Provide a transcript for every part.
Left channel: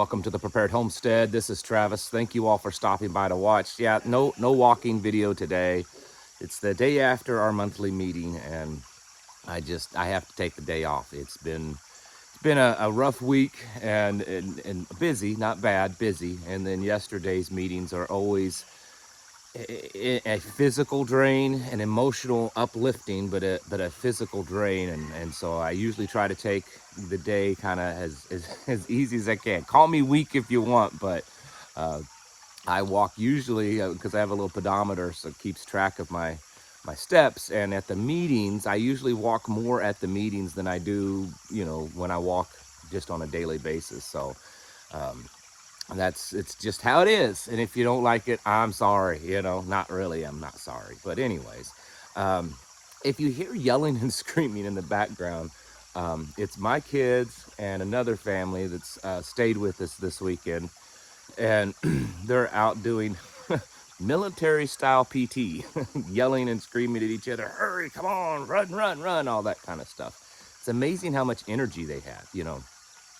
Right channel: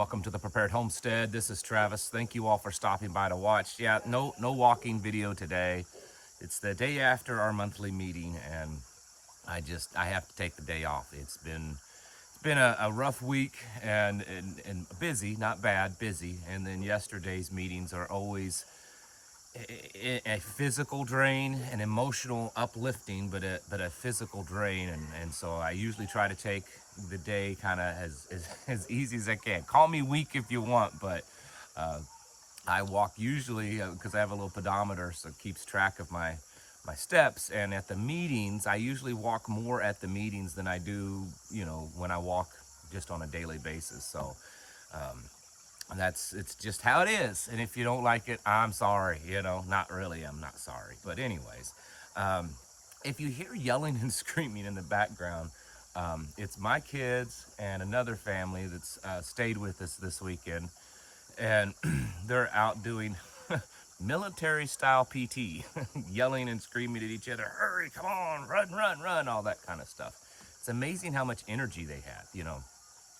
Welcome to the Prepared Homestead. This is Travis. Thank you all for stopping by to watch. Yeah, no walking video today. It's the day after our monthly meeting, and I have to take the day off. It's been a rough week and busy, not bad, busy. And then yesterday's meetings are always a physical drain, an emotional uplifting, but a physical drain. And so I usually try to take the day kind of as easy as I can. Call me weak if you want, but uh, I walk usually because I have a little pedometer, so it keeps track of my steps. And at the meetings, I usually walk more at the meetings than I do, when I walk just on a daily basis. So um, it's just how it is. And if you don't like it, I'm sorry. Not really. I'm not sorry. But anyways, um, if you hear yelling and screaming in the background, it's my kids and another family that's stayed with us this weekend, and they're out doing military style PT, yelling and screaming at each other, hurry, come on, run, run, run, all that kind of stuff. It's amazing how much energy they have.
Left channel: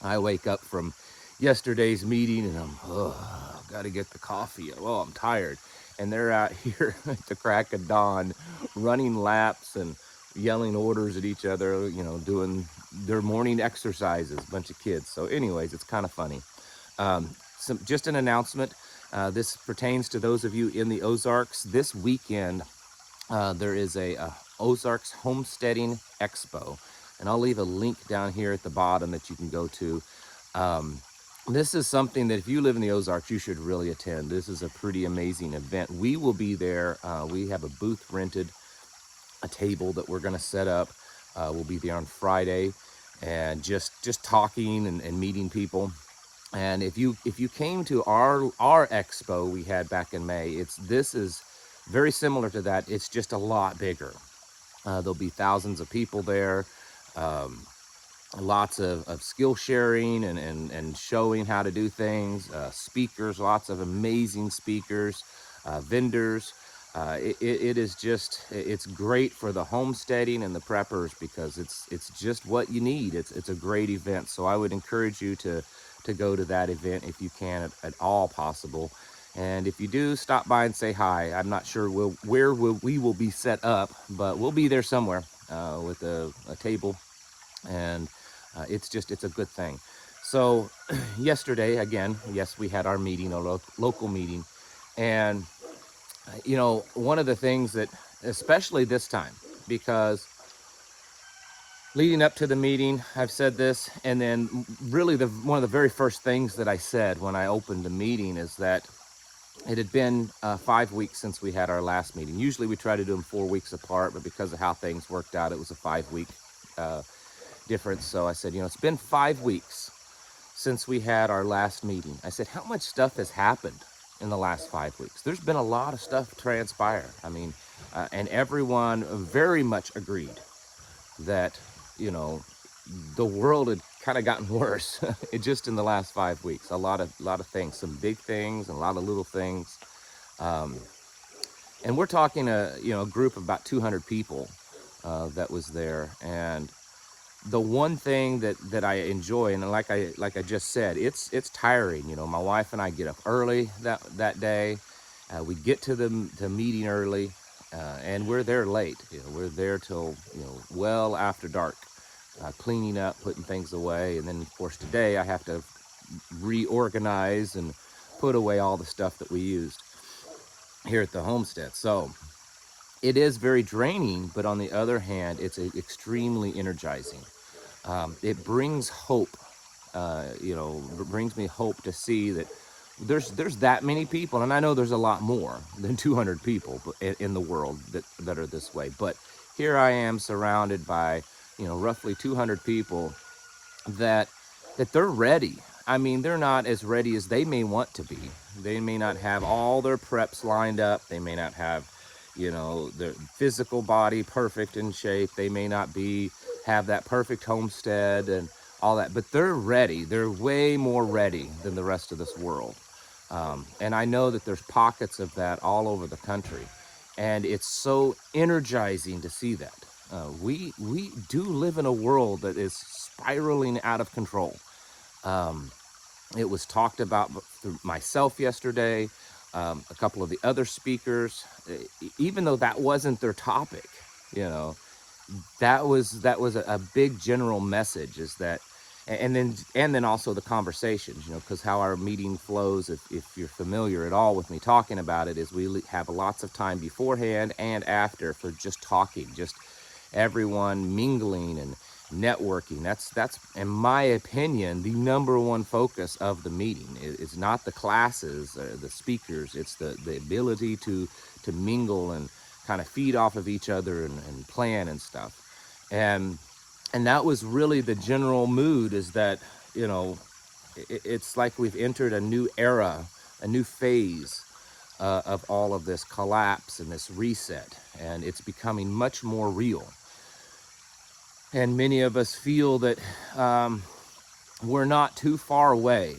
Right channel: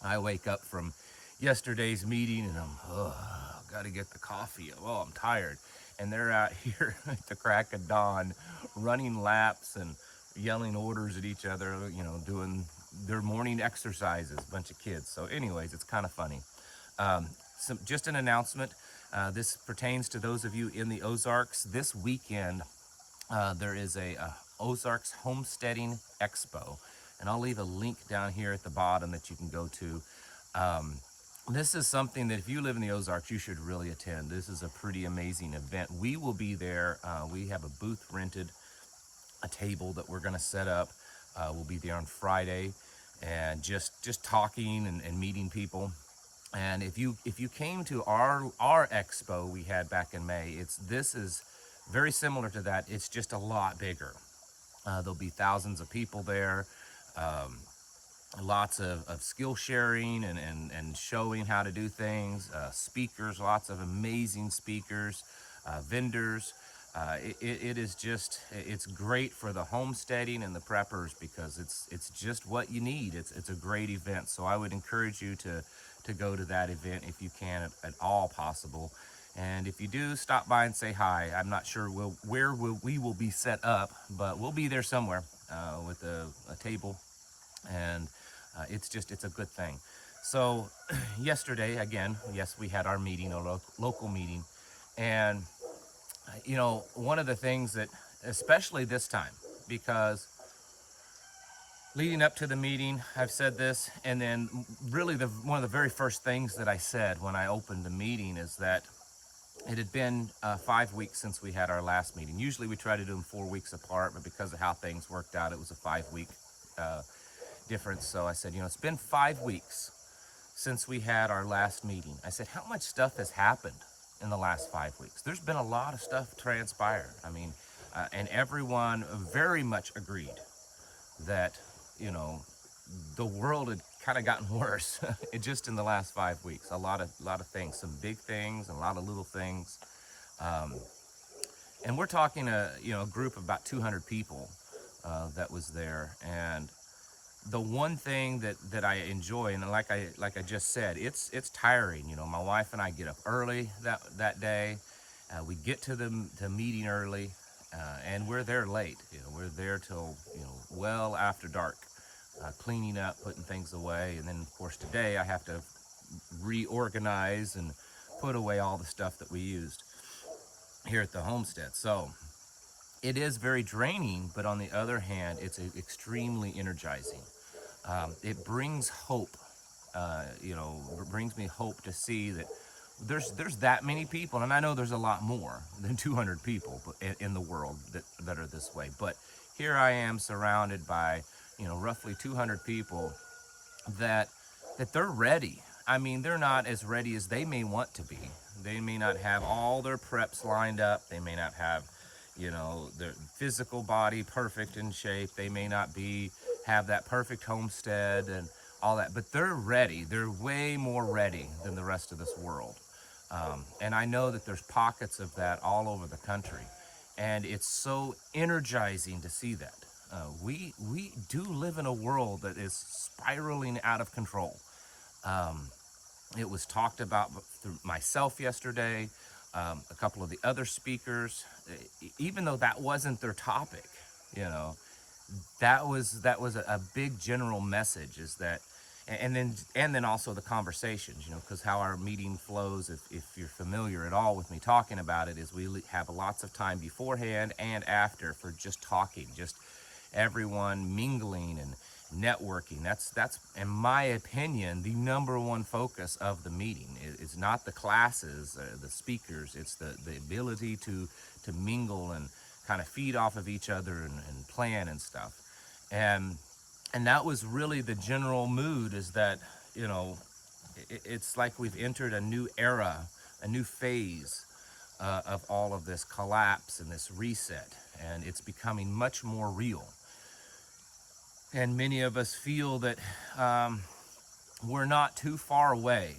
I wake up from yesterday's meeting and got to get the coffee. Oh, I'm tired. And they're out here at the crack of dawn running laps and yelling orders at each other, doing their morning exercises, a bunch of kids. So anyways, it's kind of funny. Just an announcement. This pertains to those of you in the Ozarks. This weekend, there is a Ozarks Homesteading Expo, and I'll leave a link down here at the bottom that you can go to. Um, this is something that if you live in the Ozarks, you should really attend. This is a pretty amazing event. We will be there. We have a booth rented, a table that we're going to set up. We'll be there on Friday, and just talking and meeting people. And if you came to our expo we had back in May, this is very similar to that. It's just a lot bigger. There'll be thousands of people there. Um, Lots of skill sharing and showing how to do things. Speakers, lots of amazing speakers, vendors. It is it's great for the homesteading and the preppers because it's just what you need. It's a great event. So I would encourage you to go to that event if you can at all possible. And if you do, stop by and say hi. I'm not sure where we will be set up, but we'll be there somewhere with a table, and it's a good thing. So yesterday, again, yes, we had our meeting, a local meeting. And one of the things that, especially this time, because leading up to the meeting, I've said this, and then really one of the very first things that I said when I opened the meeting is that it had been 5 weeks since we had our last meeting. Usually we try to do them 4 weeks apart, but because of how things worked out, it was a 5-week difference. So I said, it's been 5 weeks since we had our last meeting. I said, how much stuff has happened in the last 5 weeks? There's been a lot of stuff transpire. I mean, and everyone very much agreed that, the world had kind of gotten worse just in the last 5 weeks. A lot of things, some big things and a lot of little things. And we're talking a group of about 200 people that was there. And the one thing that I enjoy, and like I just said, it's tiring. My wife and I get up early that day. We get to the meeting early, and we're there late. We're there till well after dark, cleaning up, putting things away. And then of course today I have to reorganize and put away all the stuff that we used here at the homestead. So it is very draining, but on the other hand, it's extremely energizing. It brings hope. Brings me hope to see that there's that many people, and I know there's a lot more than 200 people in the world that are this way. But here I am surrounded by roughly 200 people that they're ready. I mean, they're not as ready as they may want to be. They may not have all their preps lined up. They may not have their physical body perfect in shape. They may not have that perfect homestead and all that, but they're ready. They're way more ready than the rest of this world. And I know that there's pockets of that all over the country, and it's so energizing to see that. We do live in a world that is spiraling out of control. It was talked about through myself yesterday, a couple of the other speakers, even though that wasn't their topic, you know, that was a big general message is that, and then also the conversations, because how our meeting flows, if you're familiar at all with me talking about it, is we have lots of time beforehand and after for just talking, just everyone mingling and networking. That's in my opinion the number one focus of the meeting. It's not the classes, the speakers. It's the ability to mingle and kind of feed off of each other and plan and stuff. And and that was really the general mood, is that, you know it's like we've entered a new era, a new phase of all of this collapse and this reset, and it's becoming much more real. And many of us feel that um, we're not too far away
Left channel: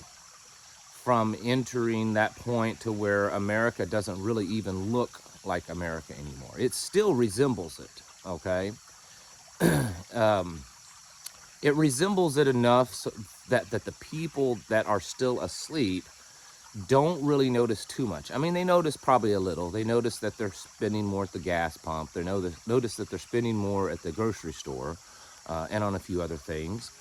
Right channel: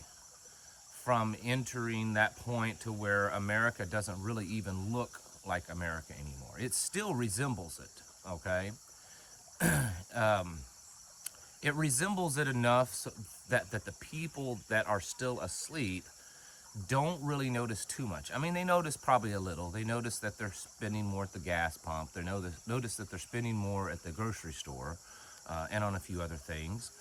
from entering that point to where America doesn't really even look like America anymore. It still resembles it, okay? um, it resembles it enough so that the people that are still asleep don't really notice too much. I mean, they notice probably a little. They notice that they're spending more at the gas pump. They notice that they're spending more at the grocery store, and on a few other things.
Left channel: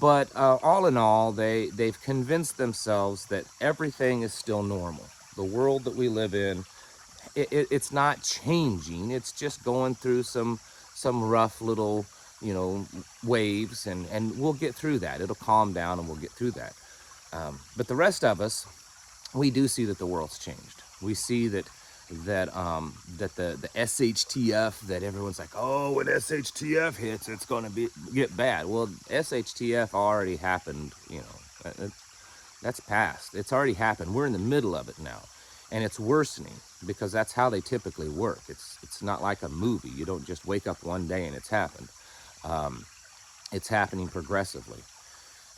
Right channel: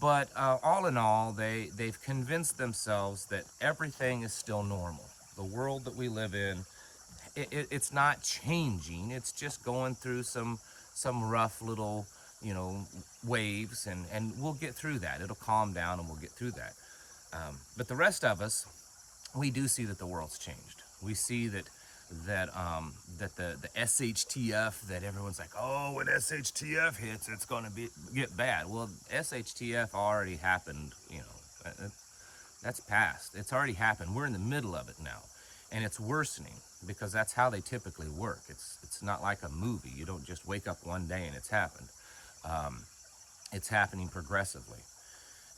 But all in all, they've convinced themselves that everything is still normal. The world that we live in, it's not changing. It's just going through some rough little, waves, and we'll get through that. It'll calm down, and we'll get through that. But the rest of us, we do see that the world's changed. We see that the SHTF, that everyone's like, oh, when SHTF hits, it's going to get bad. Well, SHTF already happened. That's past. It's already happened. We're in the middle of it now, and it's worsening because that's how they typically work. It's not like a movie. You don't just wake up one day and it's happened. Um, it's happening progressively,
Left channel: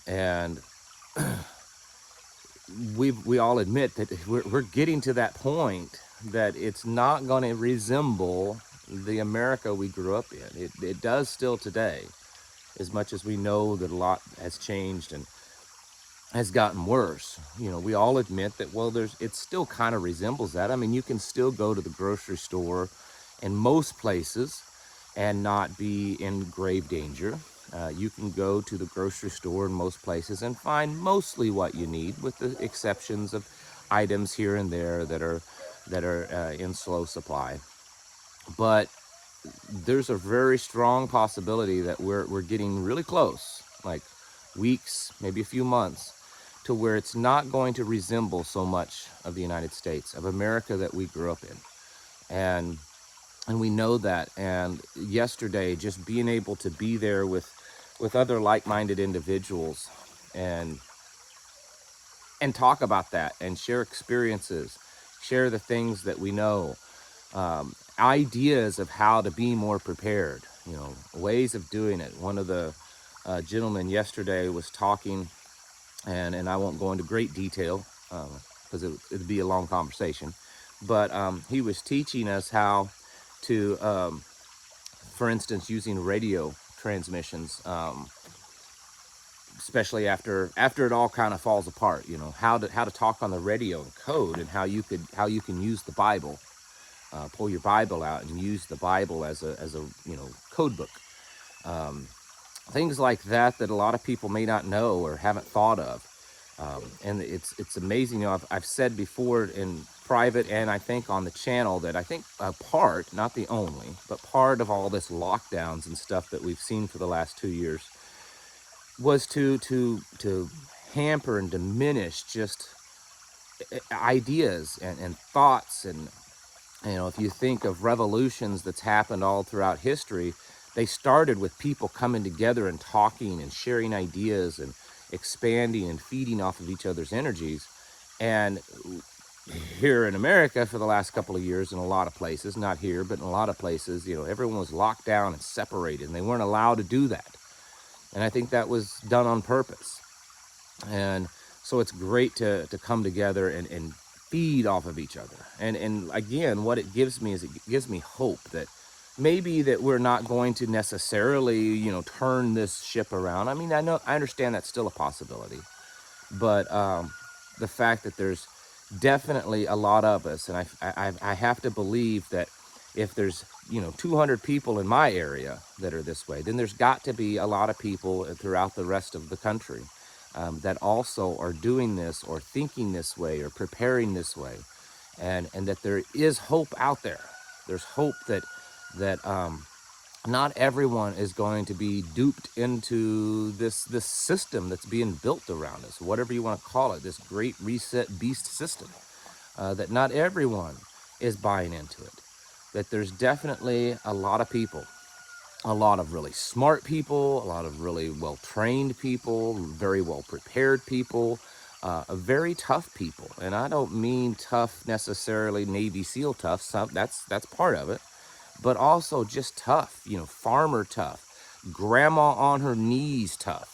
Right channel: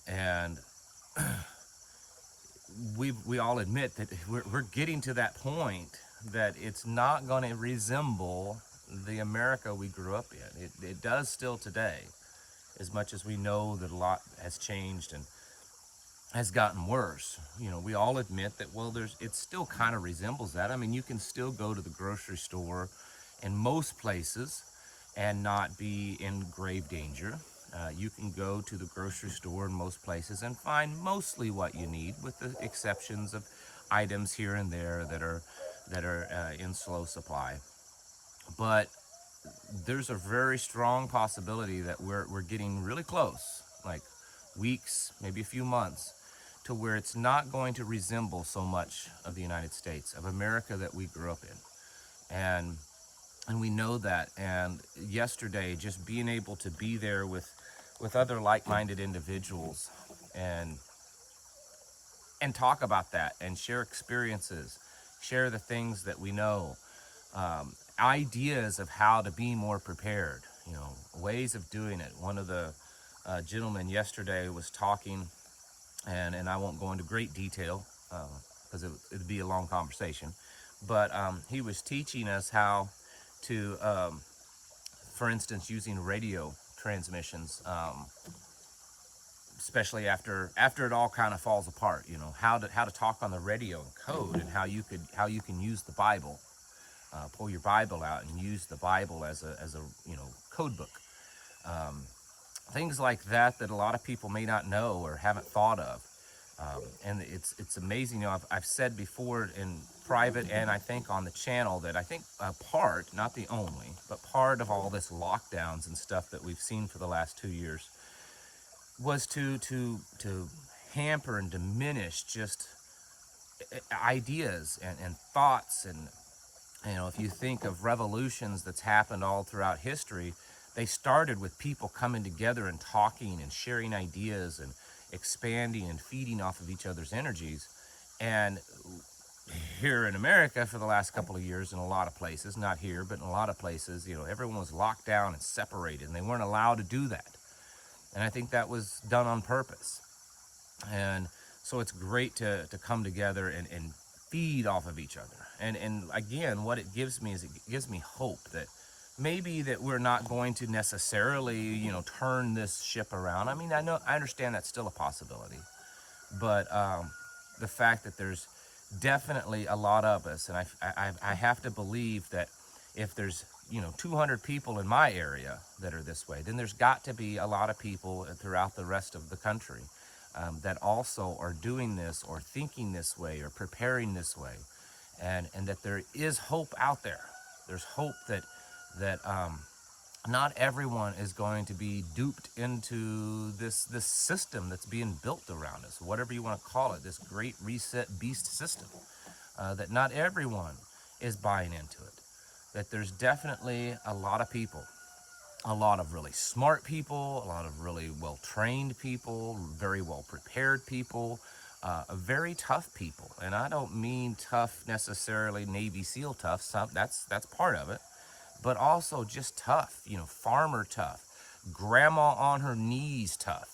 and we all admit that we're getting to that point that it's not going to resemble the America we grew up in. It does still today, as much as we know that a lot has changed and has gotten worse. We all admit that, well, it still kind of resembles that. I mean, you can still go to the grocery store in most places and not be in grave danger. You can go to the grocery store in most places and find mostly what you need, with the exceptions of items here and there that are in slow supply. But there's a very strong possibility that we're getting really close, like weeks, maybe a few months, to where it's not going to resemble so much of the United States, of America that we grew up in. And we know that. And yesterday, just being able to be there with other like-minded individuals and talk about that and share experiences, share the things that we know, ideas of how to be more prepared, ways of doing it. One of the gentlemen yesterday was talking, and I won't go into great detail because it'd be a long conversation, but he was teaching us how to, for instance, using radio transmissions, especially after it all kind of falls apart. How to talk on the radio in code, and how you can use the Bible, pull your Bible out and use the Bible as a code book. Things like that a lot of people may not know or haven't thought of. And it's amazing. I've said before in private, and I think on the channel, that I think a part, not the only, but part of all this lockdowns and stuff that we've seen for the last 2 years was to hamper and diminish just ideas and thoughts. And if you think of revolutions that's happened all throughout history, they started with people coming together and talking and sharing ideas and expanding and feeding off of each other's energies. And here in America, for the last couple of years, in a lot of places, not here, but in a lot of places, everyone was locked down and separated, and they weren't allowed to do that. And I think that was done on purpose. And so it's great to come together and feed off of each other. And again, what it gives me is, it gives me hope that maybe that we're not going to necessarily, turn this ship around. I mean, I understand that's still a possibility, But the fact that there's definitely a lot of us, and I have to believe that if there's 200 people in my area that are this way, then there's got to be a lot of people throughout the rest of the country that also are doing this or thinking this way or preparing this way, and that there is hope out there. There's hope that not everyone is going to be duped into this system that's being built around us, whatever you want to call it, this great reset beast system. That not everyone is buying into it. That there's definitely a lot of people, a lot of really smart people, a lot of really well trained people, very well prepared people, very tough people. And I don't mean tough necessarily Navy SEAL tough. That's part of it, but also just tough. Farmer tough, grandma on her knees tough.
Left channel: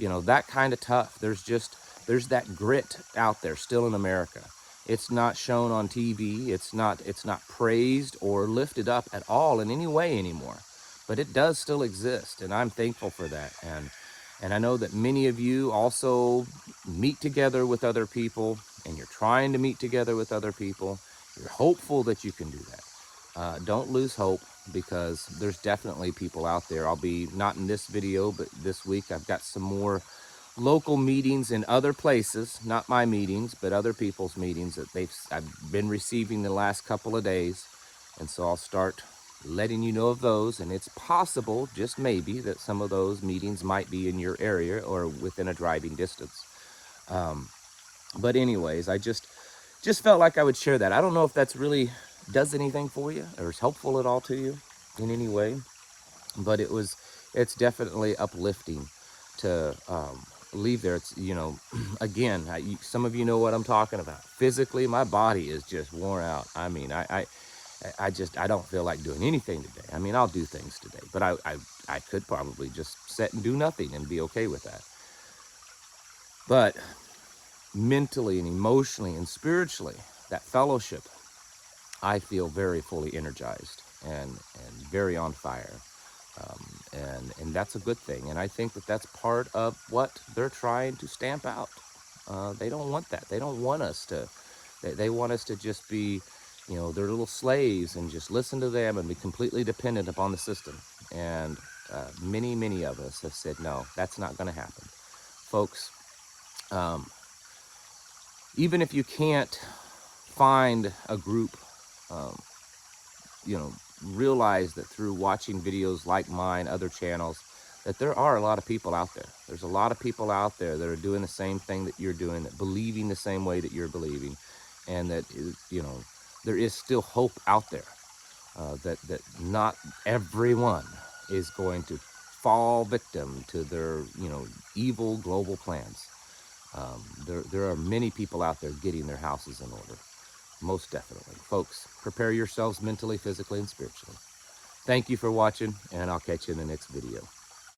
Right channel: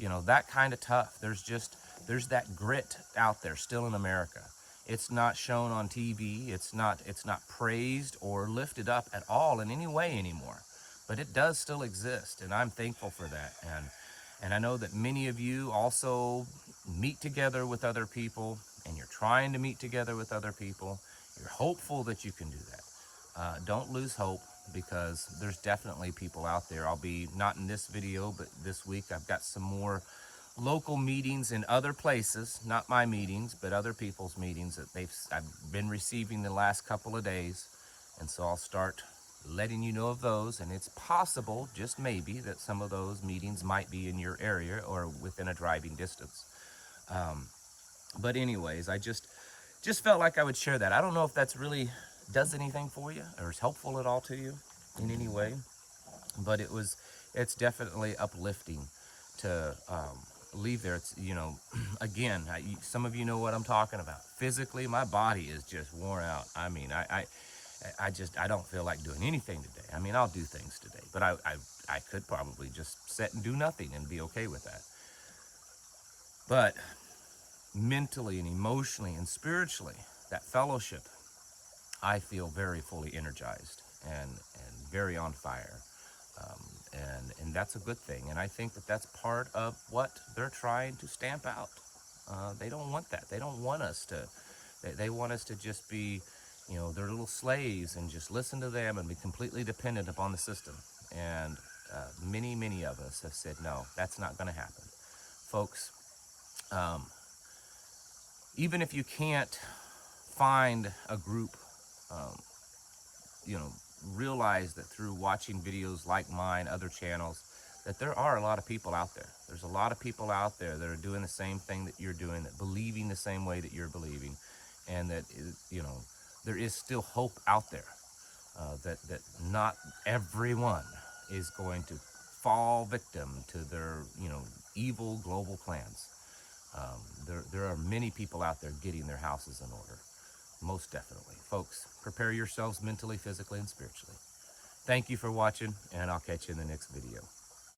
That kind of tough. There's that grit out there still in America. It's not shown on TV. It's not praised or lifted up at all in any way anymore, but it does still exist, and I'm thankful for that. And I know that many of you also meet together with other people, and you're trying to meet together with other people. You're hopeful that you can do that. Don't lose hope, because there's definitely people out there. I'll be, not in this video, but this week I've got some more local meetings in other places, not my meetings, but other people's meetings that I've been receiving the last couple of days. And so I'll start letting you know of those, and it's possible, just maybe, that some of those meetings might be in your area or within a driving distance. But anyways, I just felt like I would share that. I don't know if that's really does anything for you or is helpful at all to you in any way, but it's definitely uplifting to leave there. It's again, some of you know what I'm talking about. Physically, my body is just worn out. I mean, I don't feel like doing anything today. I mean, I'll do things today, but I could probably just sit and do nothing and be okay with that. But mentally and emotionally and spiritually, that fellowship, I feel very fully energized and very on fire, and that's a good thing. And I think that that's part of what they're trying to stamp out. They don't want that. They don't want us to. They want us to just be, their little slaves and just listen to them and be completely dependent upon the system. And many of us have said no, that's not going to happen, folks. Um, Even if you can't find a group, um, you know, realize that through watching videos like mine, other channels, that there are a lot of people out there. There's a lot of people out there that are doing the same thing that you're doing, that believing the same way that you're believing, and that there is still hope out there. That not everyone is going to fall victim to their evil global plans. There are many people out there getting their houses in order. Most definitely. Folks, prepare yourselves mentally, physically, and spiritually. Thank you for watching, and I'll catch you in the next video.